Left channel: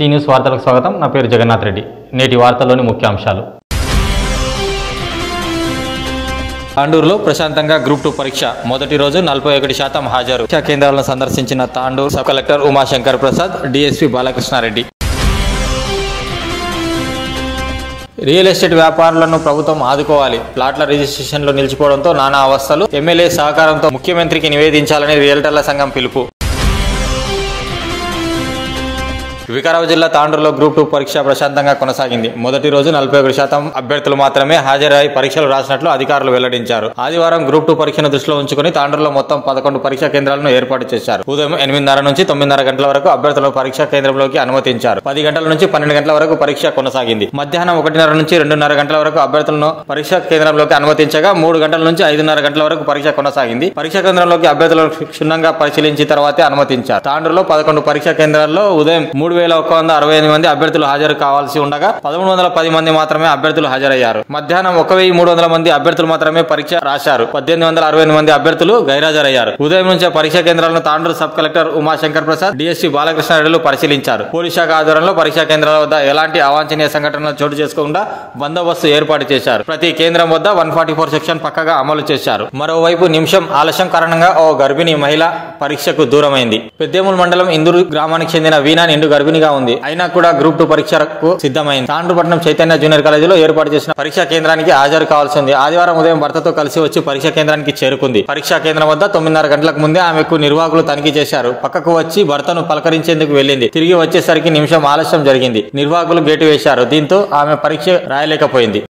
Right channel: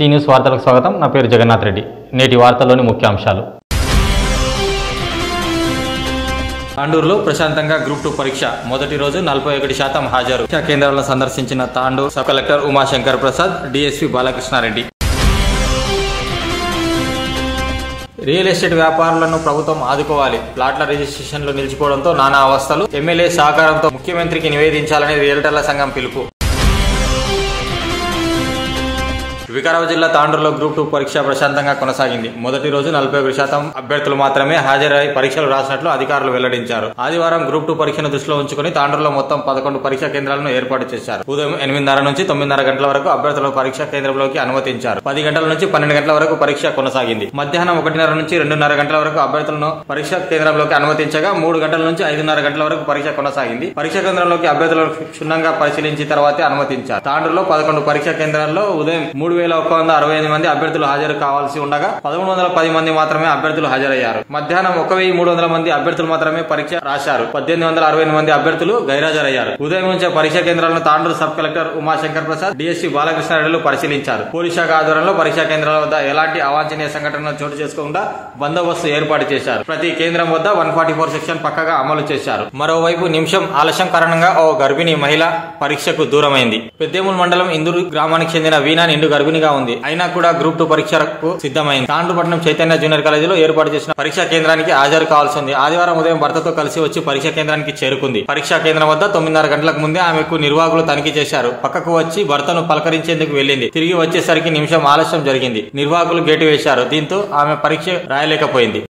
C news వార్తలకు స్వాగతం. నా పేరు జగన్నాథ్ రెడ్డి. నేటి వార్తల్లోని ముఖ్యాంశాలు. తాండూరులో ప్రశాంతంగా గ్రూప్ 2 పరీక్ష మొదటి రోజు 41% హాజరు. పరీక్షా కేంద్రాలను సందర్శించిన Tandur sub collector Umashankar Prasad, DSP Balakrishnareddy. Real estate వ్యాపారులను ప్రభుత్వం ఆదుకోవాలి. ప్లాట్ల రిజిస్ట్రేషన్లు నిలిచిపోవడంతో నానా అవస్థలు. ఎమ్మెల్యే సహకారంతో ముఖ్యమంత్రికి నివేదించాలని రియల్టర్ల సంఘం పిలుపు. వికారాబాద్ జిల్లా తాండూరులో గ్రూప్ 2 పరీక్ష ప్రశాంతంగా కొనసాగింది. మొదటి రోజు 41% అభ్యర్థులు మాత్రమే హాజరై పరీక్షలు రాసినట్లు అధికారులు వెల్లడించారు. ఆదివారం గ్రూప్ 2 పరీక్షను దృష్టిలో ఉంచుకుని తాండూరులో మొత్తం 11 పరీక్షా కేంద్రాలను ఏర్పాటు చేశారు. ఉదయం 8:30 నుంచి 9:30 గంటల వరకు అభ్యర్థులను పరీక్షా కేంద్రంలోకి అనుమతించారు. 10 గంటల నుంచి 12 గంటల వరకు పరీక్ష కొనసాగింది. మధ్యాహ్నం 1:30 నుంచి 2:30 గంటల వరకు అభ్యర్థులను పరీక్షా కేంద్రంలోకి అనుమతించగా 3 గంటల నుంచి 5:30 గంటల వరకు పరీక్ష కొనసాగింది. పరీక్షా కేంద్రంలోకి అభ్యర్థులను క్షుణ్ణంగా పరిశీలించిన తర్వాతే అనుమతించారు. తాండూరులో 11 పరీక్షా కేంద్రాల్లో ఉదయం 3,165 మంది అభ్యర్థులు హాజరు కావాల్సి ఉండగా 1,310 మంది మాత్రమే అభ్యర్థులు హాజరయ్యారు. మధ్యాహ్నం 1,300 మంది అభ్యర్థులు మాత్రమే పరీక్ష రాశారు. 1,868 మంది అభ్యర్థులు గైరాజరయ్యారు. ఉదయం నుంచే పరీక్షా కేంద్రాలను Tandur sub collector Umashankar Prasad, DSP Balakrishna Reddy పరిశీలించారు. పోలీస్ శాఖ ఆధ్వర్యంలో పరీక్షా కేంద్రాల వద్ద ఎలాంటి అవాంఛనీయ సంఘటనలు చోటు చేసుకోకుండా బందోబస్తు ఏర్పాటు చేశారు. ప్రతి కేంద్రం వద్ద 144 సెక్షన్ పక్కగా అమలు చేశారు. మరోవైపు నిమిషం ఆలస్యం కారణంగా ఓ గర్భిణీ మహిళ పరీక్షకు దూరమైంది. పెద్దేముల్ మండలం ఇందూరు గ్రామానికి చెందిన వీణా నిండు గర్భిణిగా ఉంది. అయినా కూడా గ్రూప్ 2 పరీక్షకు సిద్ధమైంది. తాండూరుపట్నం చైతన్య జూనియర్ కాలేజీలో ఏర్పాటు చేసిన పరీక్షా కేంద్రానికి హాజరు కావాల్సింది. ఆదివారం ఉదయం భర్తతో కలిసి వచ్చి పరీక్షా కేంద్రానికి చేరుకుంది. పరీక్షా కేంద్రం వద్ద 9:30 గంటలకు ముందే ఆమెకు నిర్వాహకులు తనిఖీ చేశారు. పక్కకు వచ్చి భర్తను పలకరించేందుకు వెళ్లింది. తిరిగి వచ్చేసరికి నిమిషం ఆలస్యం జరిగింది. నిర్వాహకులు గేటు వేశారు. దీంతో ఆమె పరీక్ష రాయలేకపోయింది.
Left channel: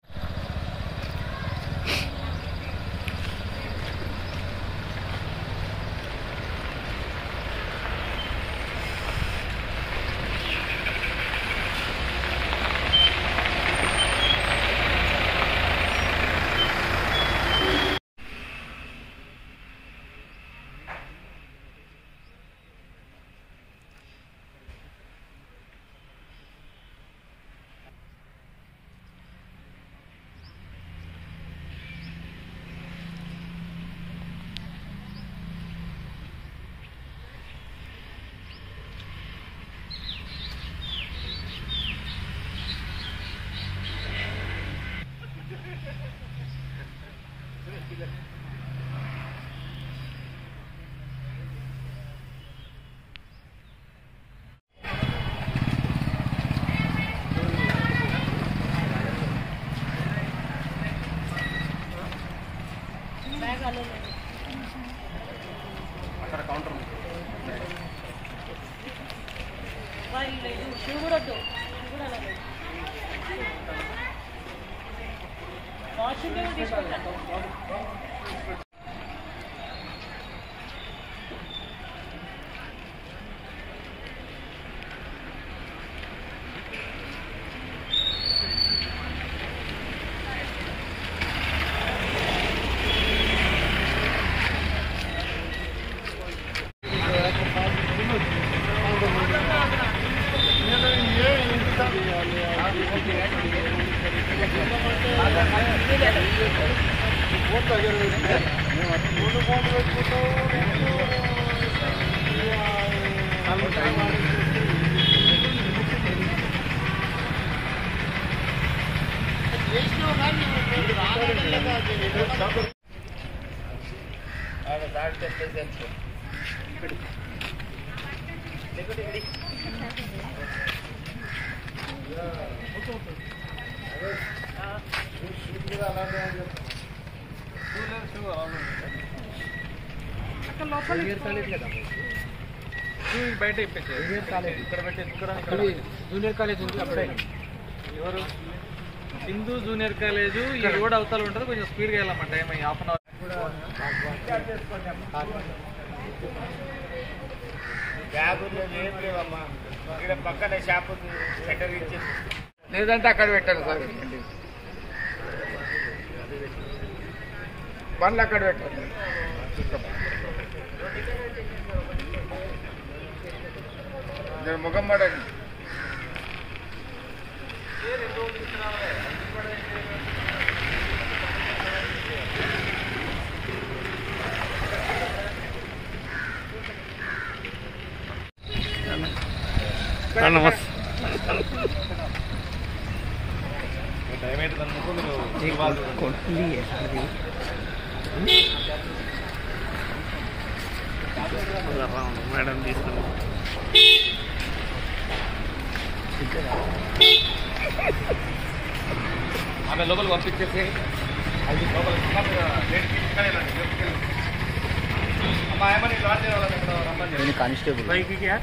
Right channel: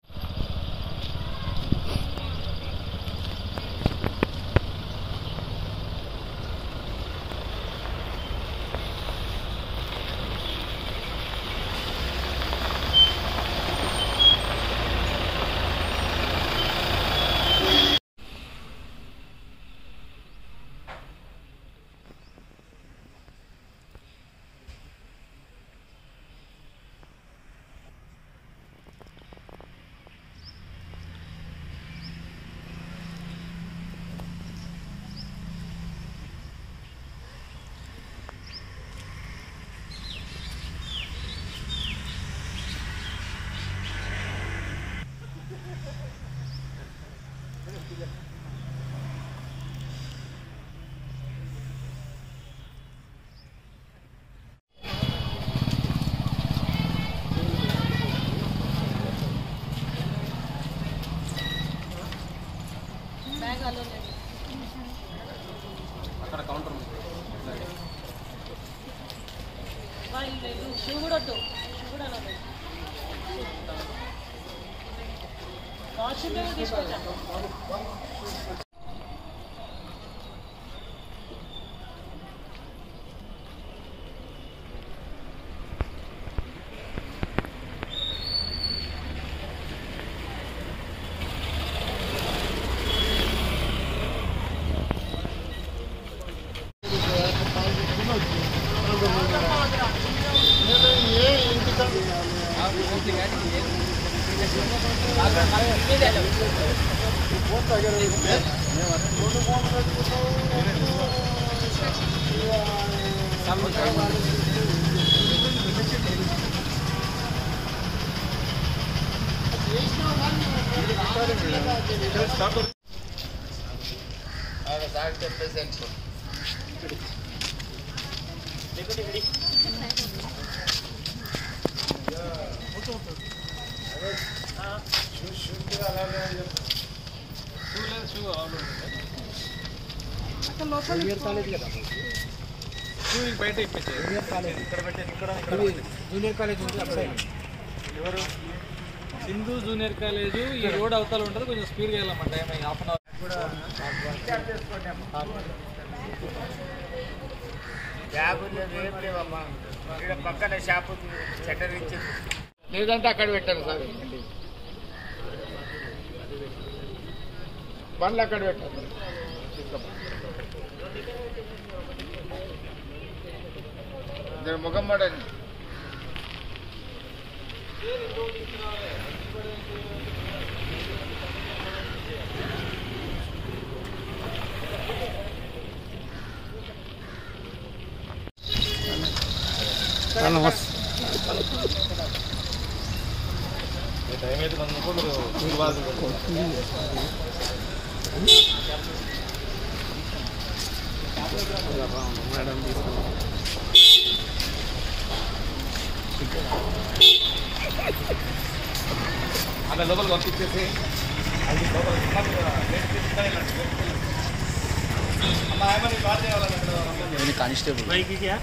అక్కడ కౌంటర్ బయట జూనియర్ కాలేజ్ ఉంది. అప్పుడే ఎవరు హిందూ జూనియర్ కాలేజు ఈ రోడ్ అవతల ఉంటుంది. కొంచెం స్పీడ్గా వెళ్ళామా, టైం హాఫ్ అన్ అవర్. పక్కన షాప్ లేదంటే అక్కడ పెట్టారు సార్. బండ్లు అక్కడ పెట్టారు. ముఖం పడండి. నమస్తే. మేడం తీసుకున్నాం ఆమె లోపల పంపించేసి అది లోపల అమ్మా ఏమని లాడ్జ్ రమ్మని కానిస్టేబుల్ బైక్ క్యా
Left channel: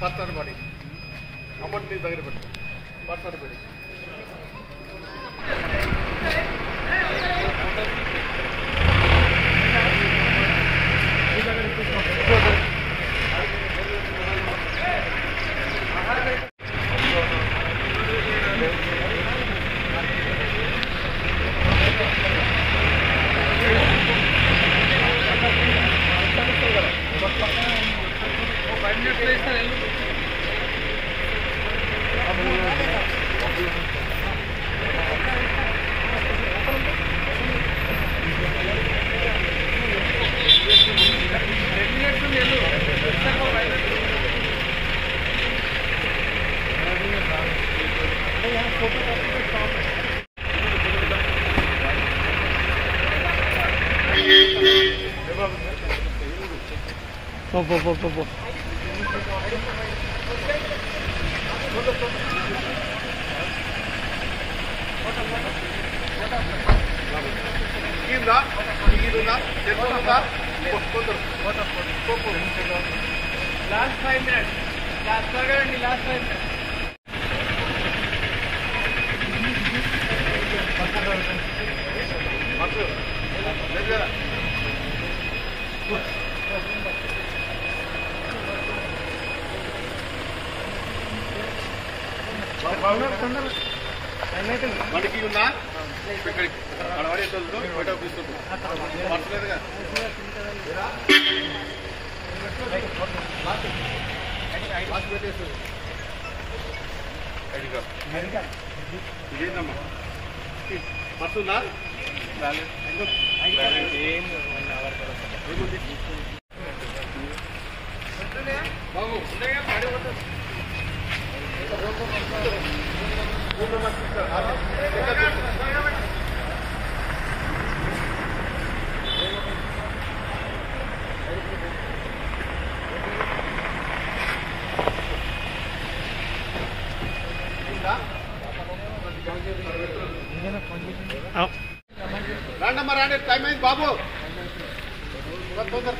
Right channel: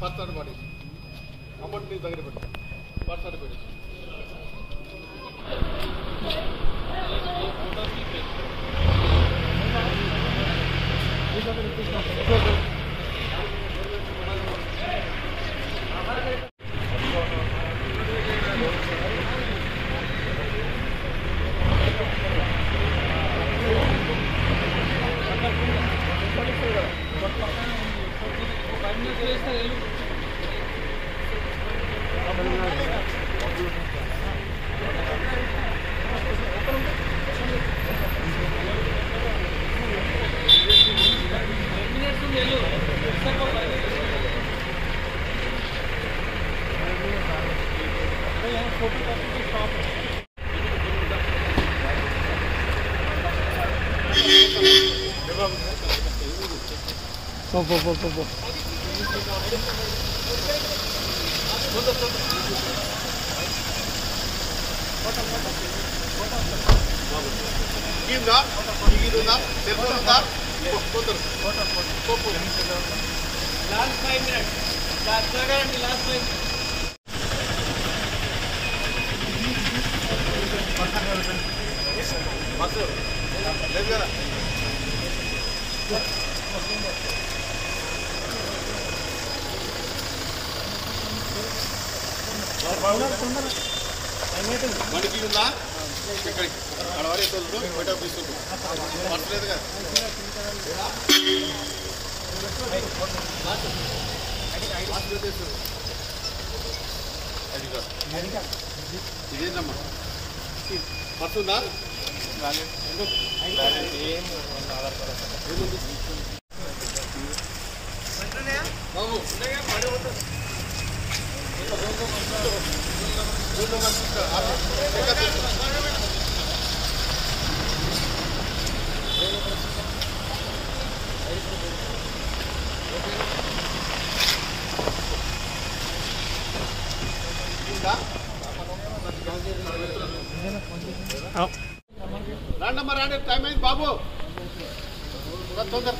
పడతారు పడి అమౌంట్ దగ్గర పెట్టి పడతారు పడి Last 5 minutes. Last 5 minutes. మనకి ఉందా అడవాడి బయట తీసుకుంటులేదుగా ఇదేందమ్మా పడుతుందా ఏముంది బాబు రాండమ్మా రాండి టైం అయింది బాబు తొందర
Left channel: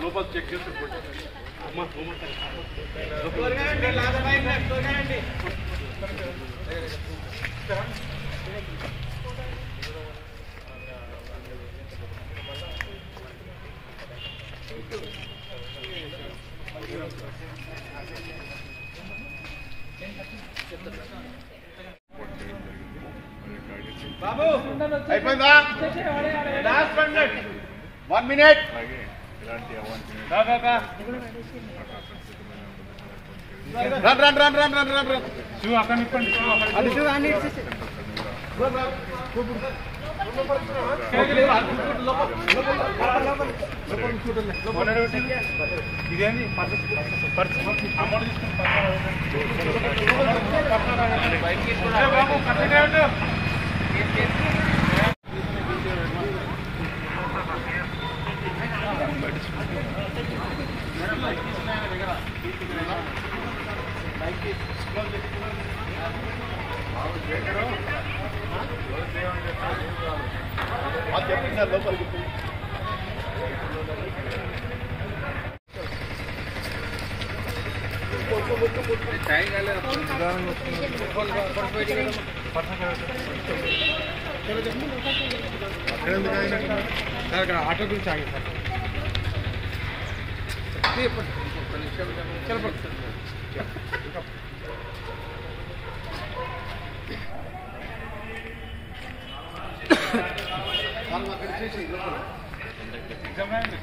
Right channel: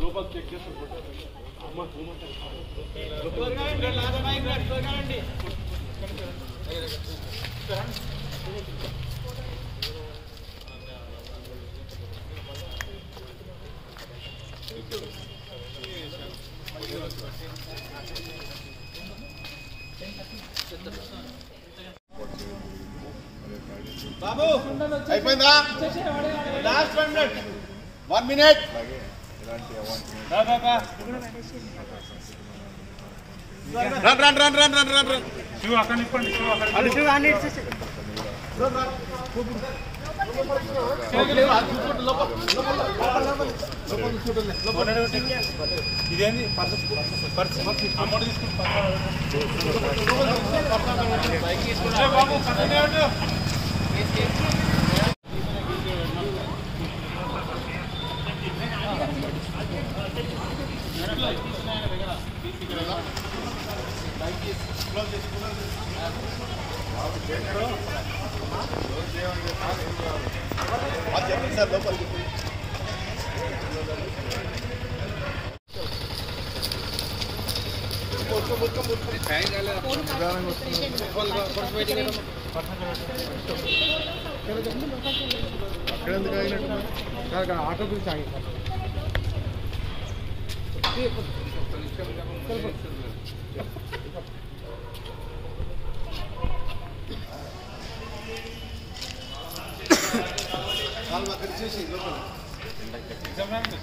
లోపల చెక్ చేసి బాబు అయిపోయిందా లాస్ట్ 1 minute రన్ ఇదేంది అమౌంట్ సార్ లోపలికి ఆటో గురించి ఆగి సార్ అక్కడ చేసి గవర్నమెంట్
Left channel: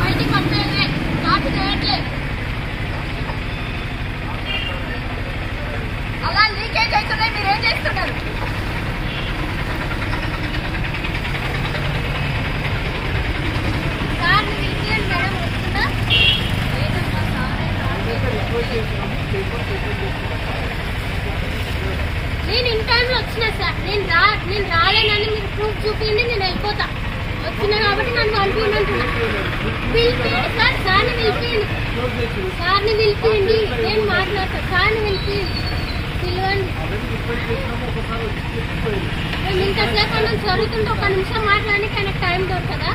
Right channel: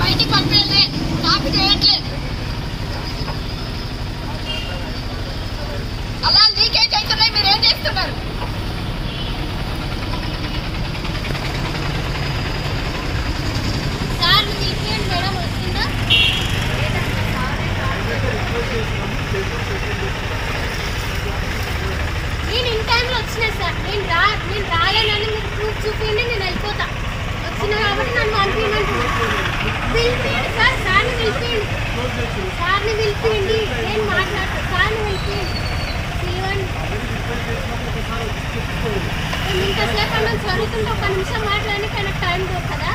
బయటికి పంపేది కాపీ చేయట్లేదు. అలా లీకేజ్ అవుతున్నాయి, మీరేం చేస్తున్నారు? సార్ పిలిపియండి మేడం, వస్తుందా? నేను ఇన్ టైంలో వచ్చినా సార్. నేను రాలేనని మీరు ప్రూఫ్ చూపించండి, నేను వెళ్ళిపోతా. వచ్చినా కాబట్టి నన్ను పంపించండి. సార్ సార్ని పిలిపియండి, నేను మాట్లాడతాను. సార్ని పిలిపియండి, పిలవండి. నేను ఇంతసేపు అన్నం జరుగుతుంటే ఒక నిమిషం మాట్లాడడానికి ఆయనకు టైం దొరకదా?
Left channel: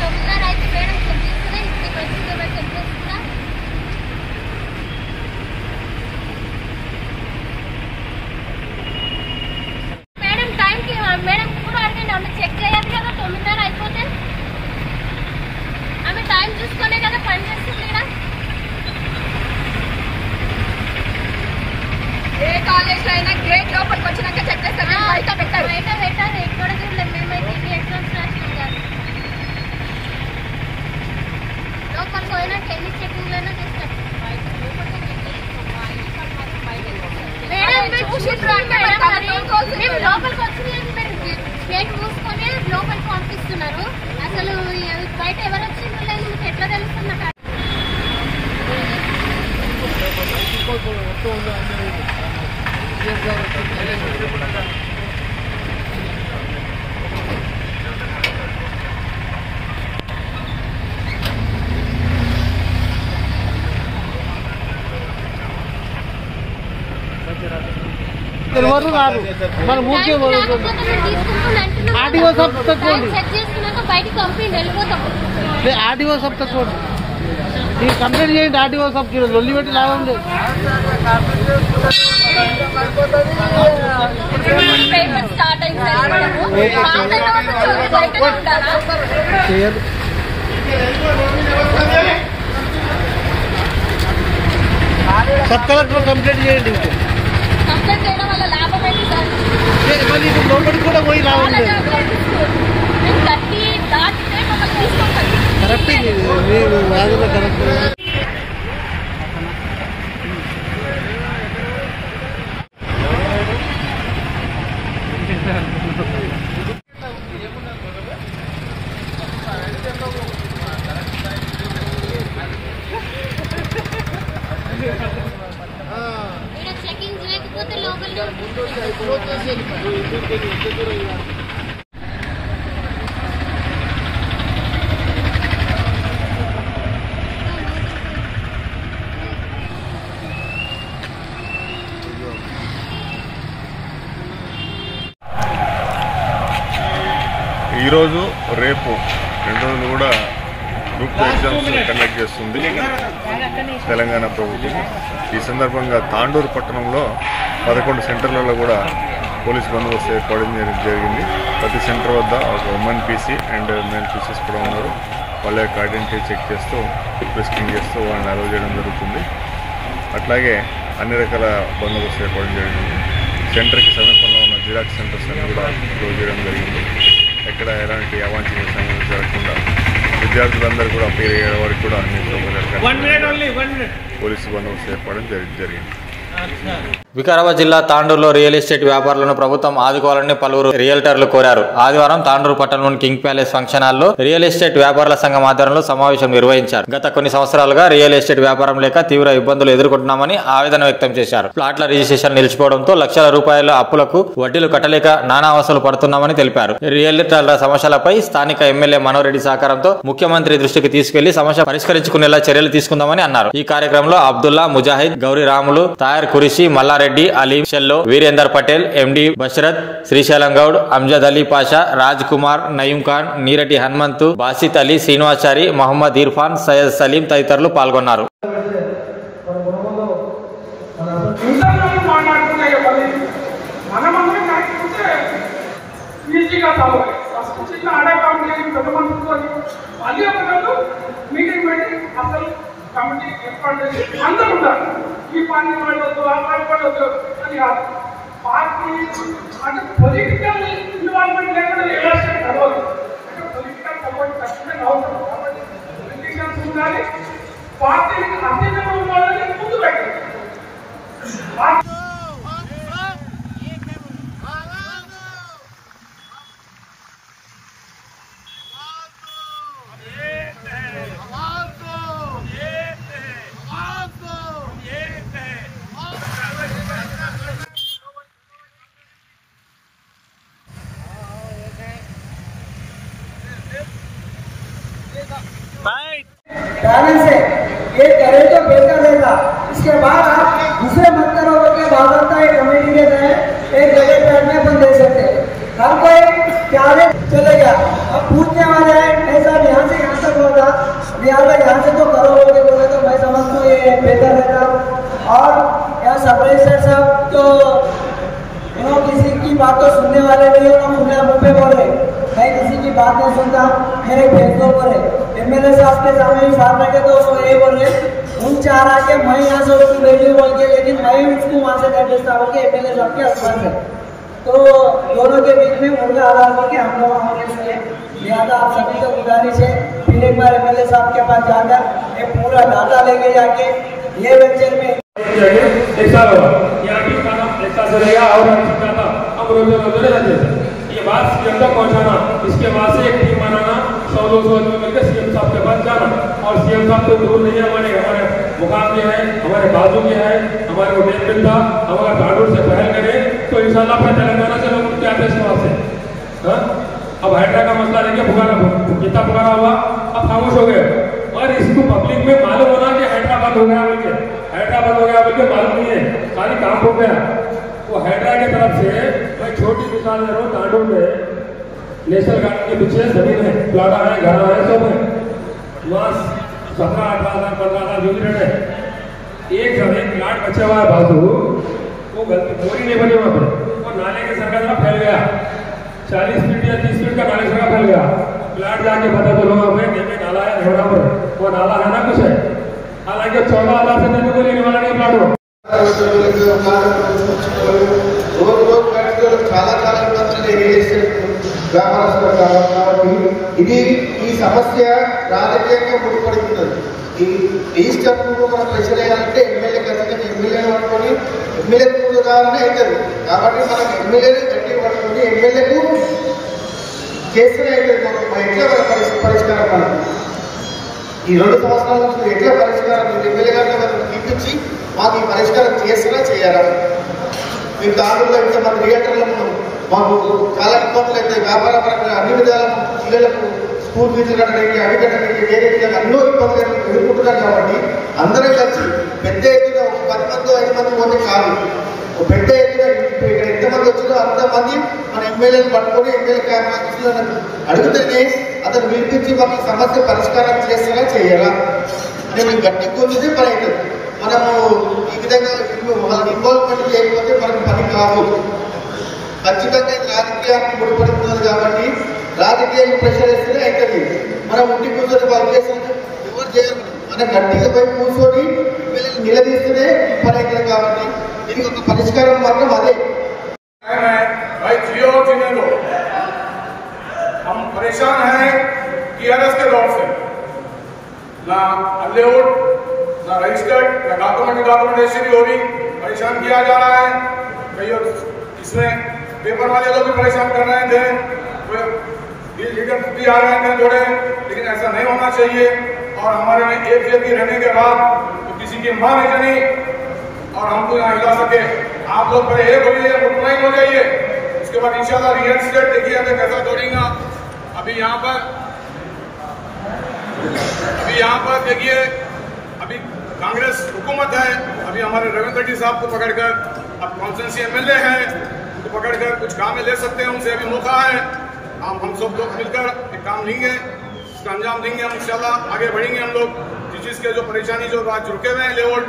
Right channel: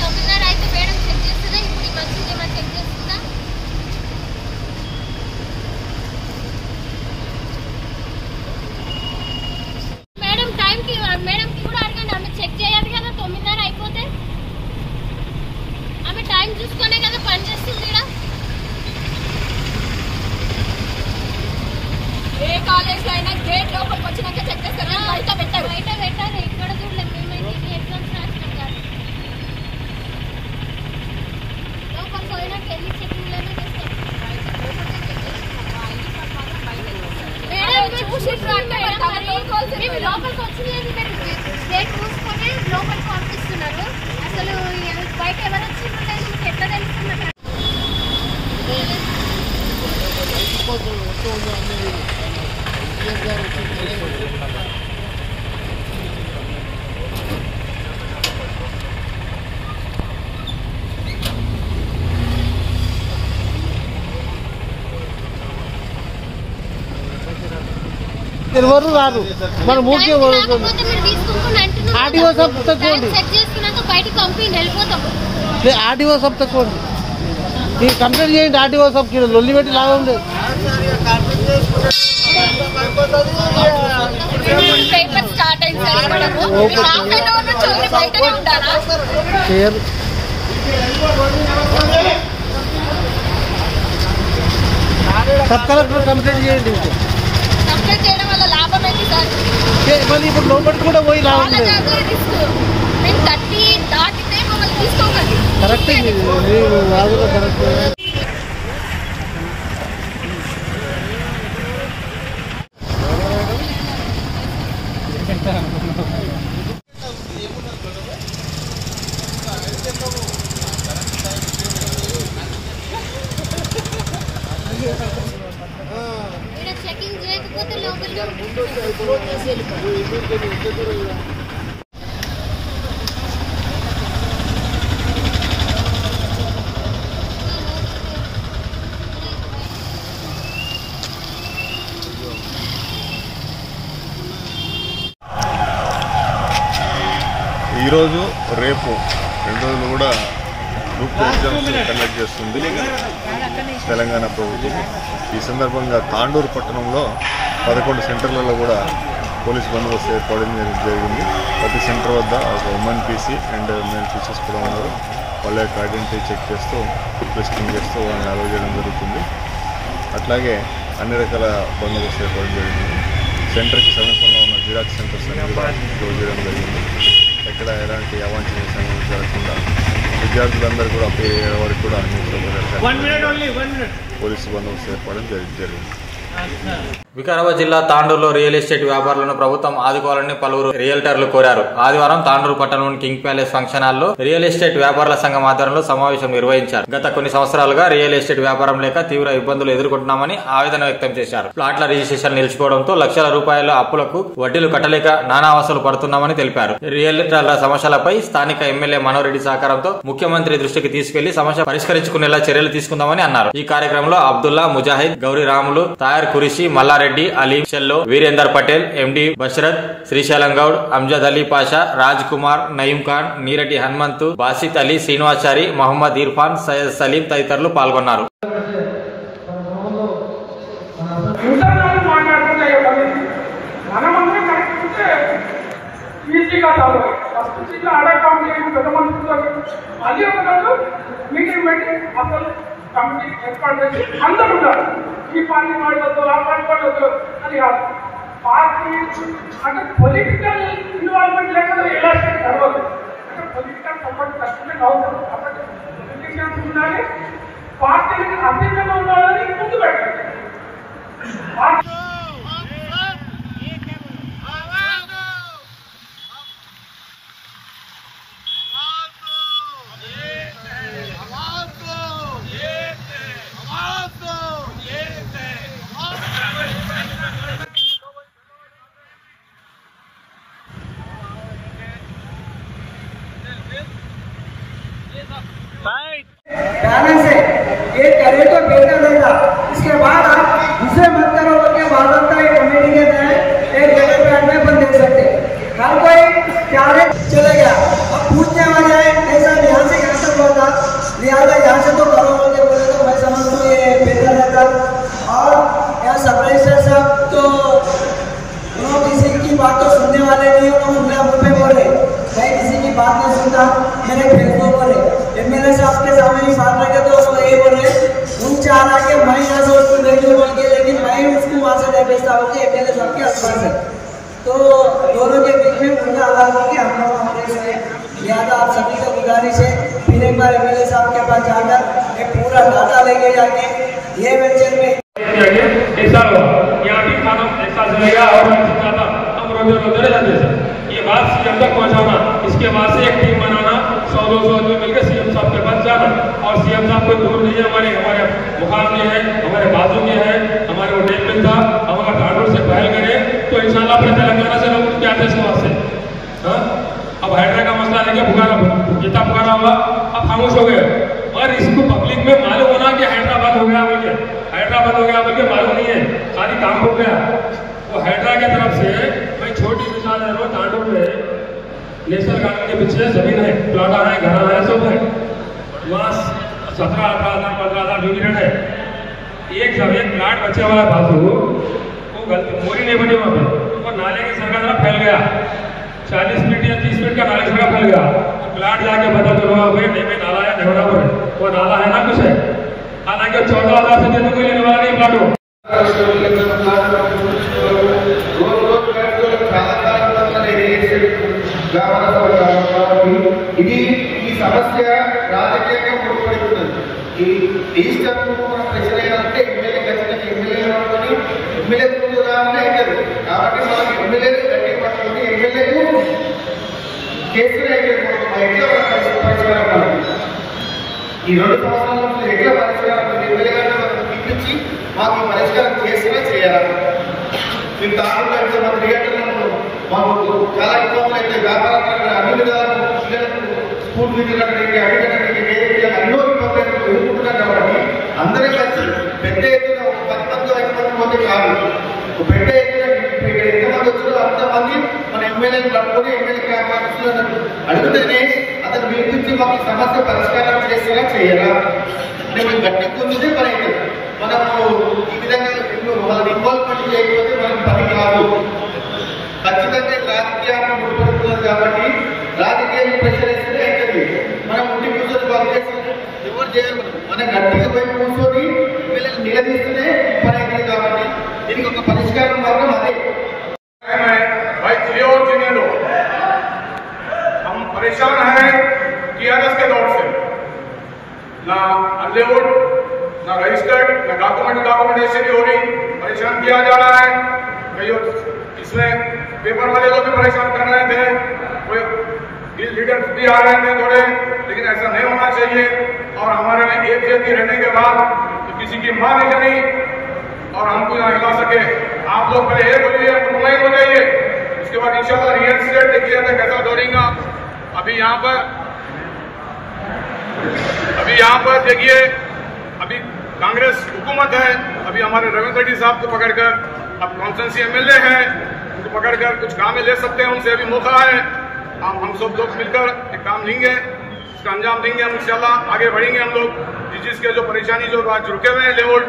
తొమ్మిదిన్నర అయితే మేడం చెక్ చేస్తుందా? ఇప్పుడు వచ్చింది ఏమైనా చెక్ చేస్తుందా? మేడం కూడా అడగండి, ఆమె చెక్ చేయాలి కదా. 9:30 అయిపోతే ఆమె టైం చూసుకునే కదా పని చేస్తుంది. ఏ కాలేజ్ లో అయినా గేట్ లోపలికి వచ్చినాక చెక్ చేస్తారు, బయట పెట్టారు. ఎక్కడ చూడలేదు మేమైతే ఎగ్జామ్స్ రాసినాం కాదు. లోపలికి పోయినాక ఎన్ని చెకింగ్ అయినా చేస్తారు. మేము లోపలికి వచ్చింది గేట్ మూసుకొని లోపలికి పంపిస్తున్నారు. అసలు బయట ఎవరు వచ్చిండ్రు లేదు, మీకు ఎట్లా తెలుస్తుంది? ఎవరు రాదు, మన ఊరికే ఆర్డీఓ సబ్ తక్కువండి, బయటికి పంపి వెళ్ళిపోతాం. ఆర్డీఓ సబ్ తక్కువండి. మీరు కంప్లైంట్ చేయండి ఆర్డీఓ సబ్కి, లొల్లి పెట్టి లాగా ఉంది. పేపర్ స్టార్ట్ అయింది సార్. బయటనే ఉండాలా? సబ్ కలెక్టర్ కంప్లైంట్ చేయండి. కంప్లైంట్ చేయడం వల్ల లాభం ఏంటి సార్? ఇప్పుడు లోపలికి కూడా పోయి మేము 30 దాటితే మమ్మల్ని తీసుకోకండి. కరెక్ట్, మీరు వాదులో కరెక్ట్. చెకింగ్ చేయకపోతే లోపల ఈరోజు రేపు 2 రోజులు కూడా గ్రూప్ 2 ఎగ్జామ్స్ కండక్ట్ చేస్తుంది తెలంగాణ ప్రభుత్వం. ఈ సందర్భంగా తాండూరు పట్టణంలో 11 సెంటర్లలో కూడా పోలీస్ బందోబస్తు ఏర్పాటు జరిగింది. ప్రతి సెంటర్ వద్ద ఒక women PC and male Pisces కూడా ఉన్నారు. వాళ్ళ యొక్క ఐడెంటిటీ చెక్ చేస్తూ ఫ్రిస్కింగ్ చేస్తూ వాళ్ళని అలౌ చేయడం జరుగుతుంది. అట్లాగే అన్ని రకాల బందోబస్తు ఏర్పాటు జరిగింది. సెంటర్కి సమీపంలో ఉన్న జిరాక్స్ సెంటర్స్ అన్ని కూడా క్లోజ్ చేయడం జరిగింది. ఎక్కడ ఎలాంటి అవాంఛనీయ సంఘటనలు జరగకుండా విద్యార్థులందరూ కూడా అపీల్ అయ్యే వారికి కూడా అన్ని సౌకర్యాలు పోలీసు బందోబస్తు ఏర్పడడం జరిగింది. వికారాబాద్ జిల్లా తాండూరులో రియల్ ఎస్టేట్ వ్యాపారులను ప్రభుత్వం ఆదుకోవాలని పలువురు రియల్టర్లు కోరారు. ఆదివారం తాండూరు పట్టణంలోని కింగ్ ప్యాలెస్ ఫంక్షన్ హాల్లో రియల్ ఎస్టేట్ వ్యాపారుల సంఘం ఆధ్వర్యంలో సమావేశం నిర్వహించారు. గత కొన్ని సంవత్సరాలుగా రియల్ ఎస్టేట్ వ్యాపారం లేక తీవ్ర ఇబ్బందులు ఎదుర్కొంటున్నామని ఆవేదన వ్యక్తం చేశారు. ప్లాట్ల రిజిస్ట్రేషన్ నిలిచిపోవడంతో లక్షల రూపాయల అప్పులకు వడ్డీలు కట్టలేక నానా అవస్థలు పడుతున్నామని తెలిపారు. రియల్టర్ల సమస్యలపై స్థానిక ఎమ్మెల్యే మనోరెడ్డి సహకారంతో ముఖ్యమంత్రి దృష్టికి తీసుకెళ్లి సమస్య పరిష్కరించుకునేలా చర్యలు తీసుకుందామని అన్నారు. ఈ కార్యక్రమంలో అబ్దుల్లా, ముజాహిద్, గౌరీ రాములు, తాయర్ కురిషి, మల్లారెడ్డి, అలీం షెల్లో, వీరేందర్ పటేల్, ఎండి బషరత్, శ్రీశైలం గౌడ్, అంజద్ అలీ పాషా, రాజ్ కుమార్, నయీం ఖాన్, నీరెడ్డి హనుమంతు, బాసిత్ అలీ, శ్రీనివాచారి, మహమ్మద్ ఇర్ఫాన్, సయ్యద్ సలీం తదితరులు పాల్గొన్నారు. కమిటీ ఏర్పాటు చేసి అందరూ ఉండాలి. ఈ పార్టీ పడవద్దు, ఆ పార్టీ పడవద్దు అని కాదు. పార్టీ అంటే పొలిటికల్ ఇన్వాల్వ్మెంట్ లేకుండా ఎలక్షన్ జరగదు. అంటే పొలిటికల్ సపోర్ట్ తక్కువనే కావాలి. కాబట్టి పొలిటీషియన్స్ ఉండాలి, పార్టీకి అతీతంగా ఉండాలని ముందు పెట్టాలి. बैलेंस है, ये करे तो बेहतर रहेगा। इसके बाद आप दूसरे मंत्रों के वादता एक कमेटी के तहत एक जगह प्लाट में बंद दे सकते हैं। हर कोई प्यारे चले गया। अब पूछने वाले हैं ऐसा यहाँ से यहाँ तक होगा, लिहाजा यहाँ से तो करोड़ों के बोले तो मैं समझता हूँ ये बेहतर रहता। और यहाँ सब रजिस्टर साहब तो किसी की बात तो सुनने वाले नहीं है, खुले मुँह पे बोले। मैं किसी की बात नहीं सुनता, मेरे फेसबुक पर एमएलए साहब के सामने भी बात रखे तो वो ये बोल रहे तुम चाह रहा कि मैं यहाँ से उसको नहीं बोल के, लेकिन मैं उसको वहाँ से नहीं भेजता हूँ कि एमएलए साहब के आसपास है। तो दोनों के बीच में मुझे आधार हो कि हम लोग लिहाजा आप सभी को गुजारिश है फिर एक बार एमएलए साहब के पास जाकर एक पूरा डाटा लेके जाके ये वेंचर में ये बात सीएम तक पहुंचाना, इसके बाद से एक टीम बनाना, 100-200 आदमी मिलकर सीएम साहब के पास जाना। और सीएम साहब को दूर नहीं है, हमारे मुकाम में है, हमारे बाजू में है, हमारे वो टेक था, हमारा ठाकुर से पहल करें तो इंशाल्लाह अपने तेलंगाना से लोग क्या थे वहां से। अब हाइड्रा का मसला लेके कितना पुकारा हुआ, अब खामोश हो गए। और इसको पब्लिक में मालूम होना कि हैदराबाद हो गया बोल के मालूम नहीं है, सारी काम हो गया। वो हैदरा की तरफ से मैं छोटी मिसाल दे रहा हूँ, तांडू में नेशनल गार्डन के पीछे जमीन है, प्लाटा है, घर है, सब है। वहाँ 17-18,000 15,000 जो भी है, एक जमीन प्लाट बचा हुआ है फालतू, वो मोरी नहीं बनी वहाँ पे, और नाले के सरकार में फैल गया, 40 फीट या 30 फीट का नाले से फैल गया। प्लाट जाके पता चला वहाँ पे नहीं में नाला है, नेवड़ा पर वो नाला है ना कुछ है। हालांकि 14,000 से देने के लिए लेने वाला नहीं प्लाट हो। ఇది ఈ సమస్య రాజకీయంగా ముడిపడుతున్నది. ఈ డిజిటల్ మనం ప్రశ్న చేయాలంటే ఎమ్మెల్యే ఖచ్చితంగా ఎమ్మెల్యేలు పట్టుకొని ఎమ్మెల్యే ఉదాహరణ అవుతుంది. కాబట్టి మనం ఎమ్మెల్యేలు గట్టి పట్టుకొని ఎమ్మెల్యేకు చేసిన ఎట్లా పరిష్కారం మనం ఈ 2 సంవత్సరాల నుంచి ఎట్లా పరిష్కారం ఎమ్మెల్యే గారిని మనం పిలిపించి మాకు ఈ పరిష్కారం చేసినా చేయాలి. మేము దాంట్లో ఎంతమంది థియేటర్లను మాకు చాలా ఇబ్బందులు అయితే వ్యాపారపరంగా అన్ని విధాలు పిల్లలకు స్కూల్ ఫీజులు కట్టడానికి అవి కట్టడానికి వేరే ఎన్నో ఇబ్బందులు ఎదుర్కొంటున్నారు. కాబట్టి అందరం కలిసి పెద్ద ఎత్తున 10 మంది 5 మంది కాదు, పెద్ద ఎత్తున ఇక్కడ ఎంతమంది వచ్చినా అంతమంది మన ఎమ్మెల్యేలు పట్టుకొని ఎమ్మెల్యే ఆఫీసులను అడిగితేనే అతను పిలిపించి మాకు ఈ సమస్య పరిష్కారం చేసేలా చేయాలా అంటే మేము గట్టి పొందితే పని అవుతుంది. మనము ఈ విధంగా వాళ్ళని ఇన్వాల్వ్మెంట్ చేయకపోతే మనకు పని కాదు. ఖచ్చితంగా ఇది రాజకీయానికి ముడిపడుతుంది కాబట్టి రాజకీయాన్ని ప్రెషర్ ఇస్తేనే అవుతుంది. మనం ఉండి కూర్చొని వర్క్ చేస్తాం ఎవరు చేయరు. మనం గట్టిగా పోయి కూర్చొని ఎమ్మెల్యేలు నిలదీస్తేనే పని అవుతుంది కాబట్టి దీనికి ఒక పరిష్కారం మార్గం అదే. भाई जियो जीने दो, हम परेशान हैं टीआरएस के दौर से, ना अनलेवुड ना रजिस्टर्ड ना डॉक्यूमेंटेशन हो रही, परेशान किया जा रहा है। कई इसमें पेपर वाले लोग भी परेशान कर रहे थे, कोई लीडर भी आ रहे थे थोड़े, लेकिन ऐसा नहीं होना चाहिए। और हमारे में एक जगह रहने के बाद तो किसी की मां नहीं चली और हमको यहाँ हिला सके। आप लोग पहले एक हो जाइए, मुतमईन हो जाइए, उसके बाद इंशाल्लाह रियल स्टेट देखिए हमें कैसा दौड़ेगा। अभी यहाँ पर देखिए, अभी कांग्रेस हुकूमत है, अभी हमारे रविंद्र रेड्डी साहब को पकड़कर, अब कॉन्स्टिट्यूंसी एमएलए हैं, उनको पकड़कर कुछ काम ले सकते हैं, उनसे अभी मौका है। हम सब लोग मिलकर एक काम लेंगे, इसका अंजाम देंगे, हम इंशाल्लाह आगे बढ़ेंगे। हम लोग जिसके जो परेशानी जो आज रुके हुए हैं लेवल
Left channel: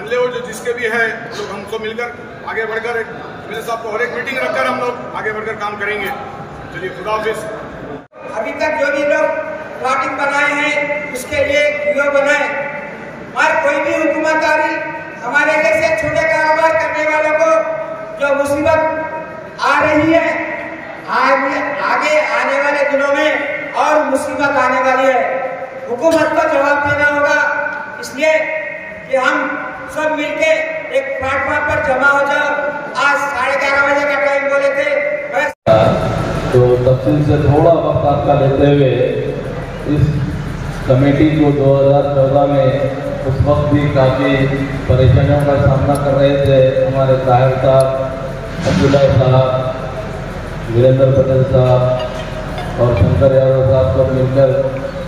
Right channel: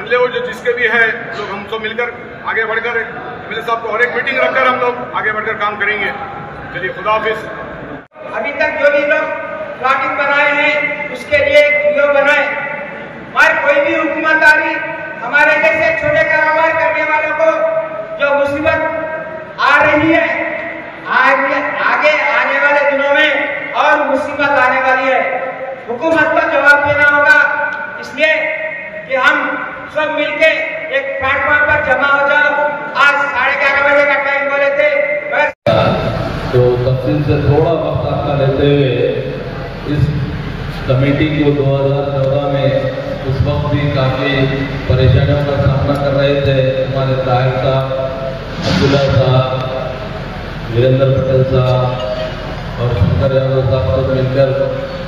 अनलेवल जो जिसके भी है, लोग हम सब मिलकर आगे बढ़कर एमएलए साहब को और एक मीटिंग रखकर हम लोग आगे बढ़कर काम करेंगे। चलिए खुदा हाफिज। अभी तक जो भी लोग प्लॉटिंग बनाए हैं उसके लिए वीडियो बनाए, और कोई भी हुकूमत आ रही हमारे जैसे छोटे कारोबार करने वालों को जो मुसीबत आ रही है, आगे आने वाले दिनों में और मुसीबत आने वाली है। हुकूमत को जवाब देना होगा, इसलिए कि हम सब मिलके एक प्लेटफॉर्म पर जमा हो जाओ। आज 11:30 बजे का टाइम बोले थे, बस तो तफसील से थोड़ा वक्त आपका लेते हुए इस कमेटी को 2014 में उस वक्त भी काफ़ी परेशानियों का सामना कर रहे थे हमारे ताहिर साहब, अब्दुल्ला साहब, वीरेंद्र पटेल साहब और शंकर यादव साहब को मिलकर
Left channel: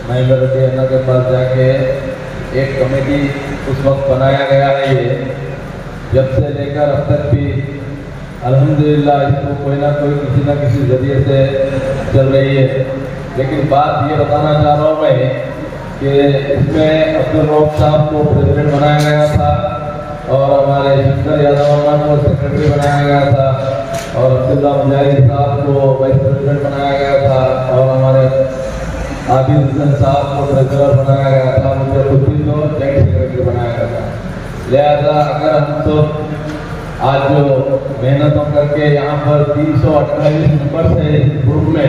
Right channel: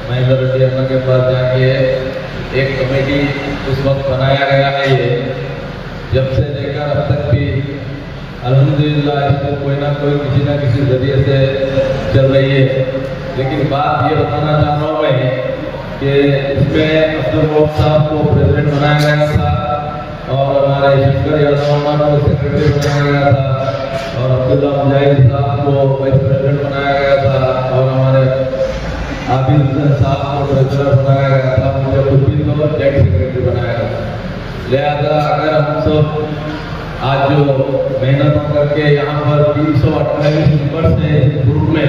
महेंद्र रेड्डी अम्मा के पास जाके एक कमेटी उस वक्त बनाया गया है। ये जब से लेकर अब तक भी अल्हम्दुलिल्लाह इसको कोई ना कोई किसी न किसी जरिए से चल रही है। लेकिन बात ये बताना चाह रहा हूँ मैं कि इसमें अब्दुल रऊफ साहब को प्रेसिडेंट बनाया गया था और हमारे शंकर यादव को सेक्रेटरी बनाया गया था और अब्दुल्ला मुजाहिद साहब को वाइस प्रेसिडेंट बनाया गया था और हमारे आबिद हुसैन साहब को ट्रेजरर बनाया गया था, मुझे खुद को जॉइंट सेक्रेटरी बनाया गया था। लिहाजा अगर हम सब आज जो मेहनत करके यहाँ पर 328 नंबर से ग्रुप में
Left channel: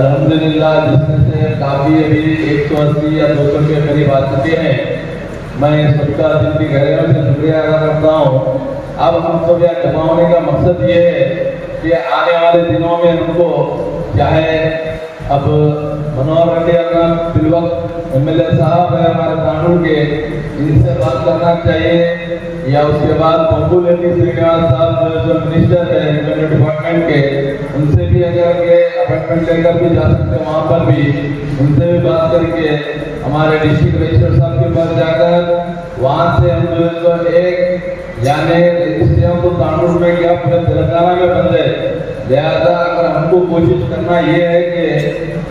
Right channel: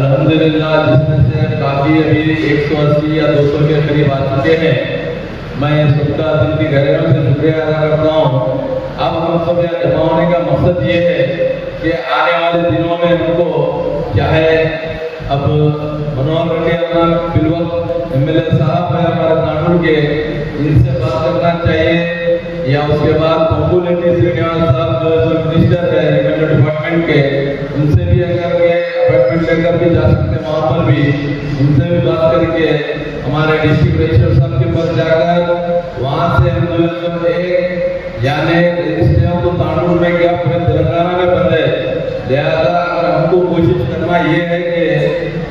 अल्हम्दुलिल्लाह जिसमें से काफ़ी अभी 180 या 200 के करीब आ चुके हैं, मैं सबका दिल की गहराइयों से शुक्रिया अदा करता हूँ। अब हम सब यहाँ जमा होने का मकसद ये है कि आने वाले दिनों में हमको चाहे अब मनोहर रेड्डी बिलवक एमएलए साहब है हमारे तांडुल के, इनसे बात करना चाहिए, या उसके बाद बब्बू रेड्डी श्रीनिवास साहब जो मिनिस्टर है रेवेन्यू डिपार्टमेंट के, उनसे भी अगर के अपॉइंटमेंट लेकर भी जा सकते हैं, वहाँ पर भी उनसे भी बात करके हमारे डिस्ट्रिक्ट रजिस्टर साहब के पास जाकर वहाँ से हम जो एक यानी रजिस्ट्रियों को तांडुल में क्या पूरे तेलंगाना में बन जाए। लिहाजा हमको कोशिश करना ये है कि